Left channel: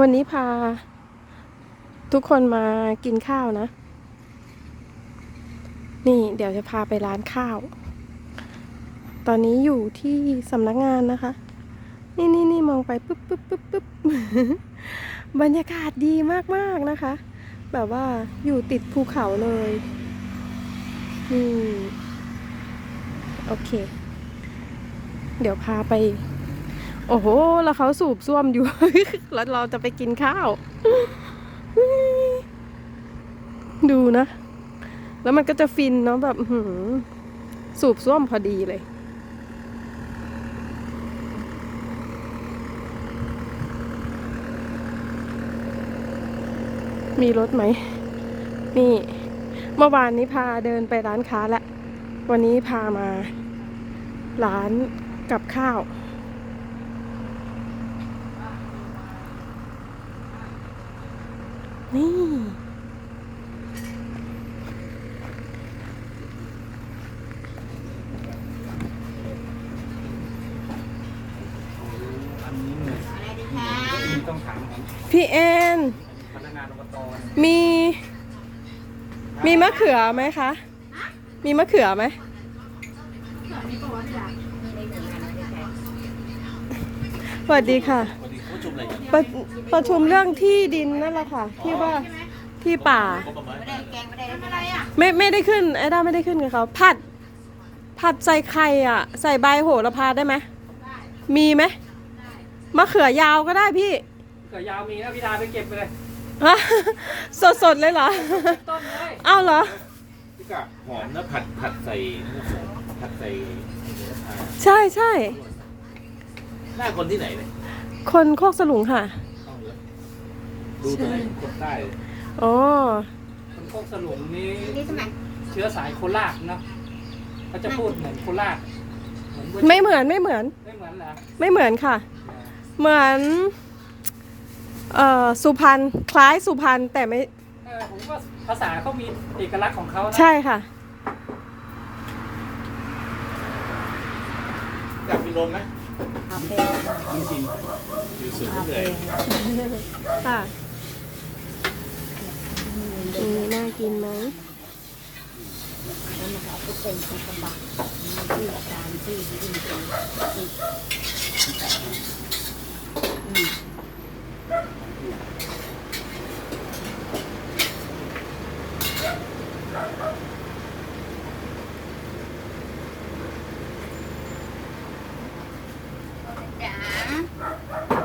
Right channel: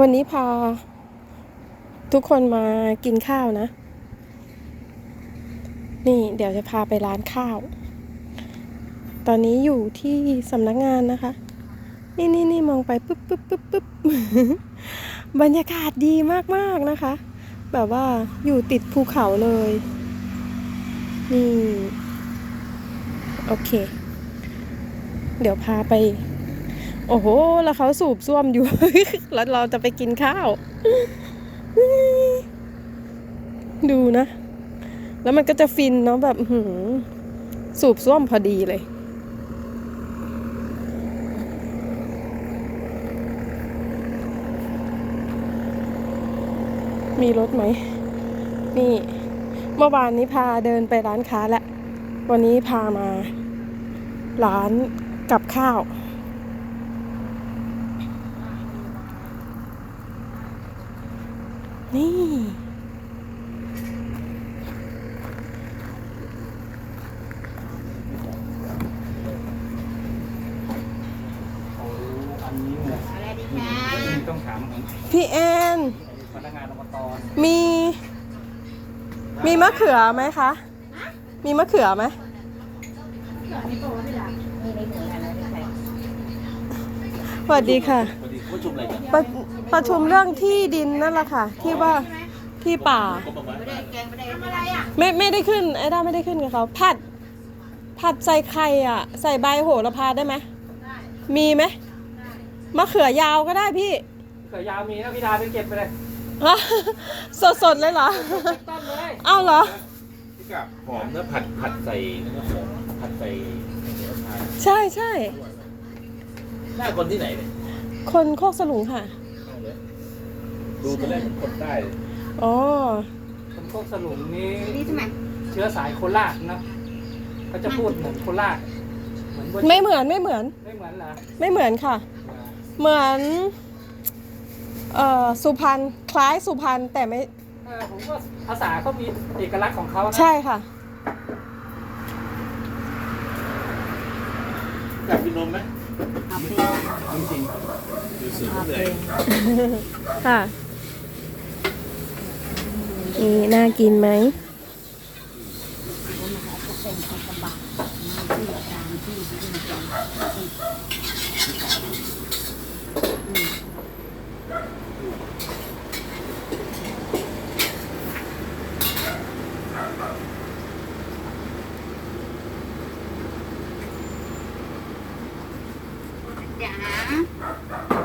วันนี้พา ทุกคนมากินข้าวนะ นี่เดี๋ยวจะพาไปร้านข้าว ตอนนี้อยู่ที่สำนักงานนะคะ นี่นี่นี่มองไปปุ๊บปุ๊บปุ๊บปุ๊บบรรยากาศดีมากๆนะคะ แบบว่าอยู่ติดภูเขาเลย นี่ โอเค เดี๋ยวพาไป โอ้โห แล้วเขาสูบซ่วมอยู่ แล้วเราจะไปกินข้าว ดูนะ แล้วมันก็จะฟินเนาะแบบหืสูบซ่วมพอดีเลย มีรถไหม นี่ เมื่อวานนี้พาเดินไปร้านค้าแล้ววันนี้พามา ร้านกับข้าว นี่อันนี้เนี่ยต้องถามของพี่แอน พนักงานอบตมี มีมะเขือไหมคะ มีมะเขือไหม สวัสดีค่ะ ปกติเขาชุมอะไรกันประประชุมเรื่องที่ดินนั่นแหละค่ะ ที่ว่าที่ป่าไม่ไม่ได้ขึ้นไอ้ด้าไม่ได้ขึ้นกับเขาผัด ผัดใส่ไข่อะ ใส่ใบโหระพาได้ไหมมีไหมมะเขือยาวก็ได้พี่เกิดยาวมีนะพี่ดาไปเก็บไปเลยสดสดๆเลยเหรอต้นเลยอ้าวเหรอ พี่กะหอมแล้วผัดผัดใส่นะครับผมผัดใส่ใช่ใช่หน้าคนที่ไหนเนี่ย คนโคกสลุงค่ะเอาเลยดูไปเลยคนได้เลยอ๋อ คนพวกสลุงนี้เชื้อสายโคราชเนาะเขาจะพูดเหมือนโคราชเหมือนเว้ยไม่เหมือนไม่เหมือน ไม่เหมือนเหรอไม่เหมือนค่ะ เหมือน เอ่อสุพรรณคล้ายสุพรรณแต่ไม่เออผมว่าภาษาเขามีเอกลักษณ์ของเขานะ ใช่ค่ะ อยากกินนมไหมจริงๆดูสูงเลยค่ะ นี่น่ากินไหมจ๋า